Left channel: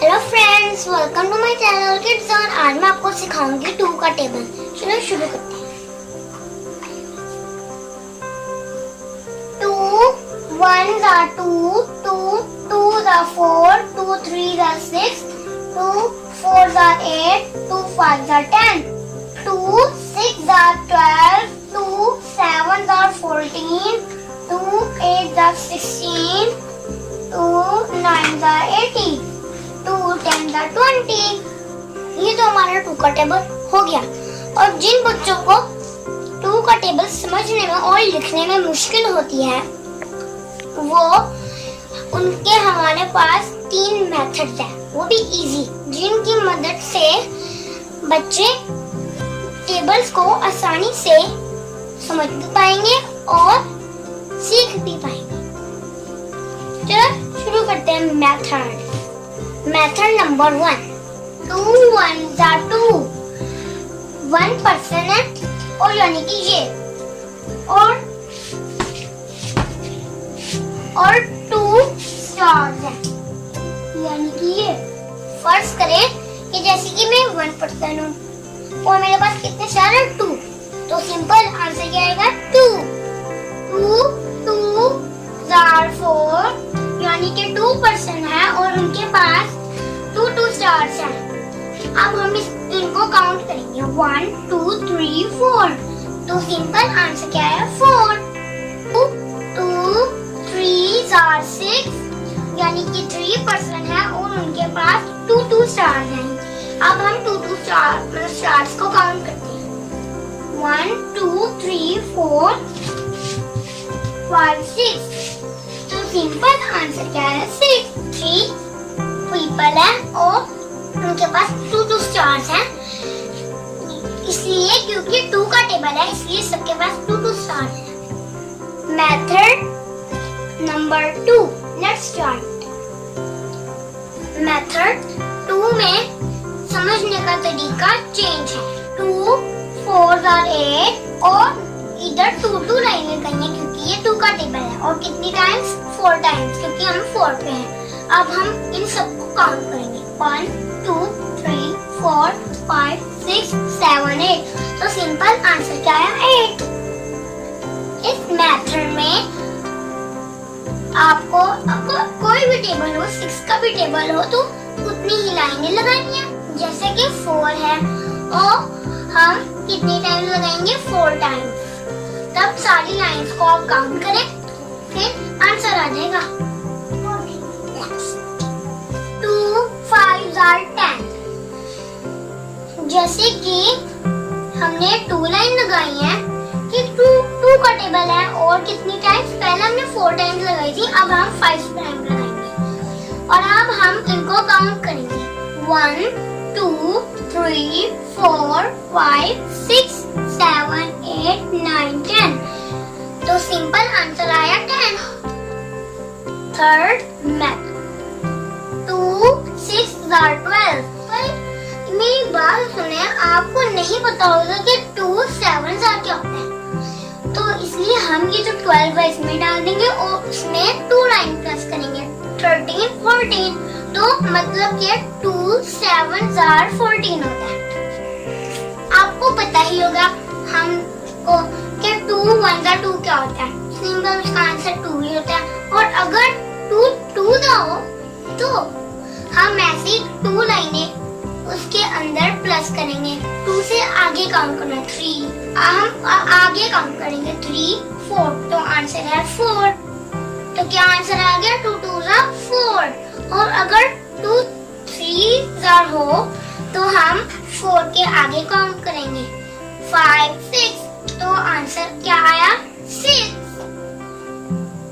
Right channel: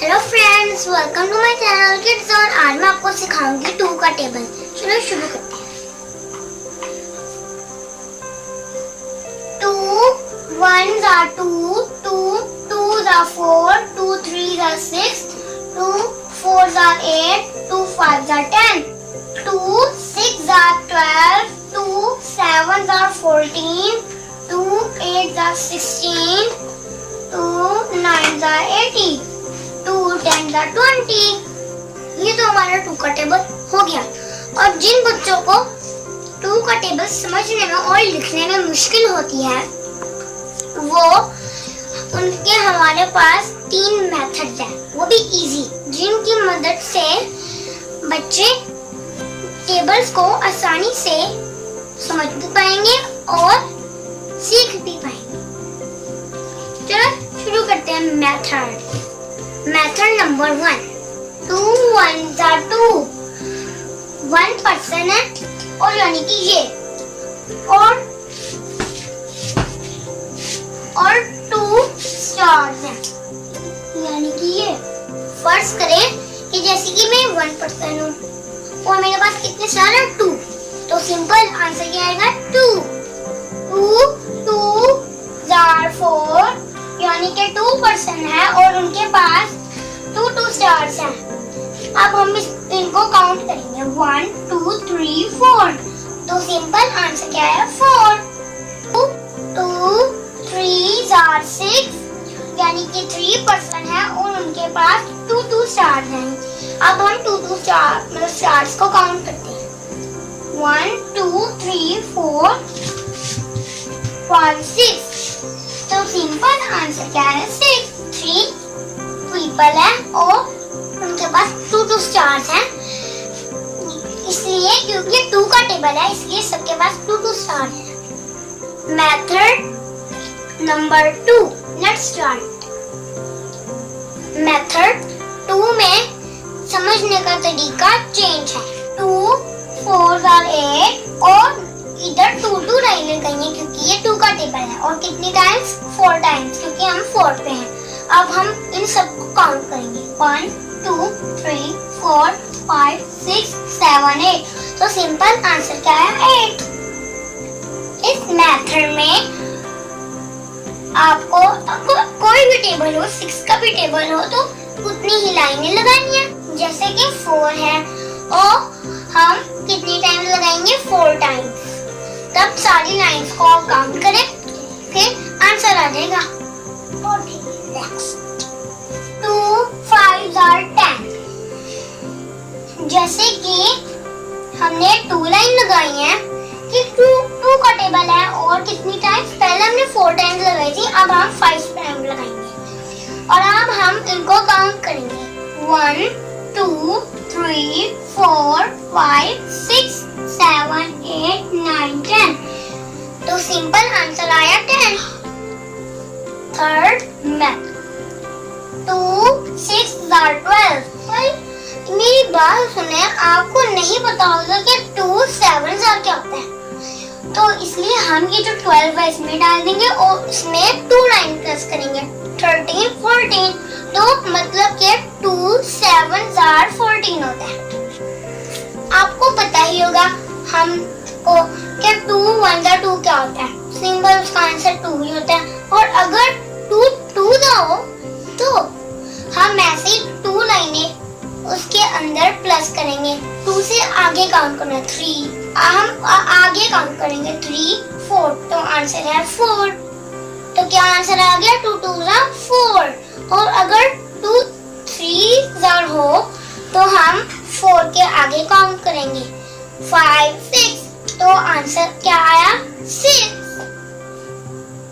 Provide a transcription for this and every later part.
Hello friends, welcome to my channel kids और आज मैं आपको सिखाऊंगी 2 का टेबल। चलो शुरू करते हैं। 2 1s are 2, 2 2s are 4, 2 3s are 6, 2 4s are 8, 2 5s are 10, 2 6s are 12, 2 7s are 14, 2 8s are 16, 2 9s are 18, 2 10s are 20। ये तो हमारा 2 का टेबल हो गया। और जिन बच्चों को 2 का टेबल समझने में और लिखने में मुश्किल होती है उनके हमारे पास 3 मेथड्स हैं, वो भी इजी, जिनकी मदद से बच्चे टेबल्स को आसानी से समझ भी पाएंगे और सीख भी पाएंगे। चलो शुरू करते हैं। मेथड नंबर 1, 2 1s are 2, 1% है और यानी कि ये और 2 स्टार्स है यानी कि ये। फर्ज करें कि जैसे कि मैं 1% हूँ और मेरे पास कितने स्टार है 2, तो सिंपल आंसर क्या आएगा 2 2 are 4 यानी कि 2% है और उनके पास 2 स्टार्स हैं। अब हम इनको काउंट करेंगे 1 2 3 4, तो सिंपल आंसर क्या है 4। 2 3s are 6 यानी कि 3% है और उनके पास 2 स्टार्स हैं। अब हम 2 स्टार्स को काउंट करते हैं 1 2 3 4 5 6, तो सिंपल आंसर क्या है 6। 3 पीपल है और उनके पास 2 स्टार्स हैं, इसलिए क्योंकि 2 का टेबल है इसलिए सबके पास 2 स्टार है। Method number 2, let's start. Method 2 में समझने का तरीका चेंज है। 2 4s are 8 और इधर 2 लाइनें गई हैं क्योंकि ये 2 का टेबल है और कितनी टाइम्स 4 टाइम्स क्योंकि हम 4 पे हैं। अब हम इन सबको काउंट करेंगे 1 2 3 4 5 6 7 8, तो सिंपल आंसर क्या है 8। इस मेथड में आपको कोई भी टेबल हो, 6 का भी टेबल हो, तो उतनी ही लाइनें लगानी है। जैसे कि 4 है और हम कितनी टाइम लगाएंगे 4 टाइम्स। तब सारी लाइंस को आप काउंट करें, फिर आंसर आ जाएगा। 2 5s are 10, जैसे कि हमने 2 लाइन लगाई है कि 2 का टेबल है और कितनी टाइम्स, पहले हमने 4 टाइम्स लगाई थी, अब हम 5 टाइम्स लगाएंगे और अब हम इनको काउंट करेंगे 1 2 3 4 5 6 7 8 9 10, तो सिंपल आंसर आया 10। Third method 2 6s are 12। मेरी बात सुने, आपको नहीं पता होगा कि 2 7s are क्या होता है, तो इसलिए हम ये जो 12 है इसमें डाल देंगे और इसमें 2 लाइन प्लस करेंगे 13 14, तो मतलब कि 2 7s are 14 होता है। आपको पता ही होगा हमको कि 2 1s are 2 क्या होता है, सिंपल उसका आंसर 2 ही होता है। और अगर 2 ना हो तो हम ऐसे 2 लाइनें उसके अंदर प्लस करेंगे। 2 से आगे काउंट करना 3, हम आगे काउंट करेंगे 3 4, तो आंसर है 4। तो क्या आंसर आ गया 2 2s are 4। और अगर 2 3s हो तो हम 4 के आगे काउंट करेंगे 5 6, तो आंसर क्या आया 6।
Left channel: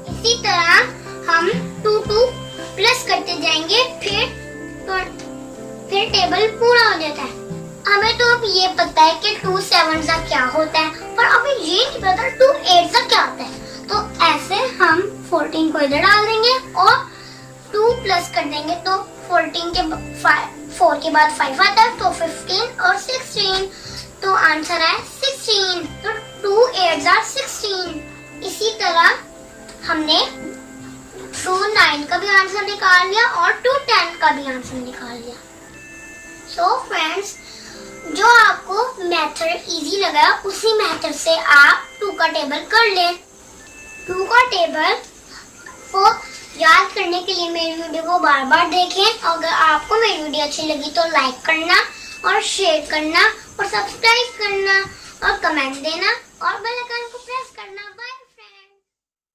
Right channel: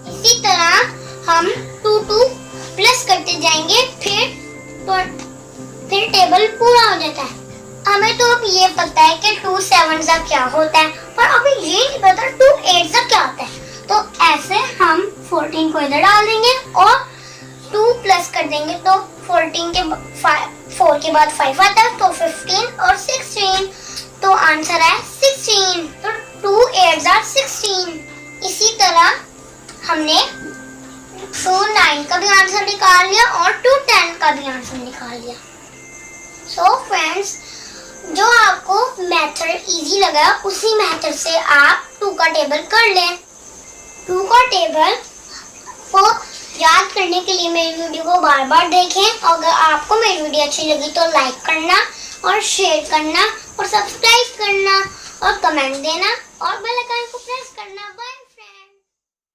इसी तरह हम 2 प्लस करते जाएंगे, फिर टेबल पूरा हो जाता है। हमें तो अब ये पता है कि 2 7s are क्या होता है, पर अभी ये नहीं पता 2 8s are क्या होता है। तो ऐसे हम 14 को इधर डाल देंगे और 2 प्लस कर देंगे, तो 14 के 4 के बाद 5 आता है, तो 15 और 16, तो आंसर है 16। तो 2 8s are 16। इसी तरह हमने टू 9 का भी आंसर निकाल लिया और टू 10 का भी आंसर निकाल लिया। सो फ्रेंड्स, जो आपको मेथड इजी लगा उसी मेथड से आप 2 का टेबल कर लें। 2 का टेबल को याद करने के लिए मेरी वीडियो को बार बार देखें। अगर आपको मेरी वीडियो अच्छी लगी तो लाइक करना और शेयर करना और सब्सक्राइब करना और कमेंट देना और बेल आइकन को प्रेस करना। बाय।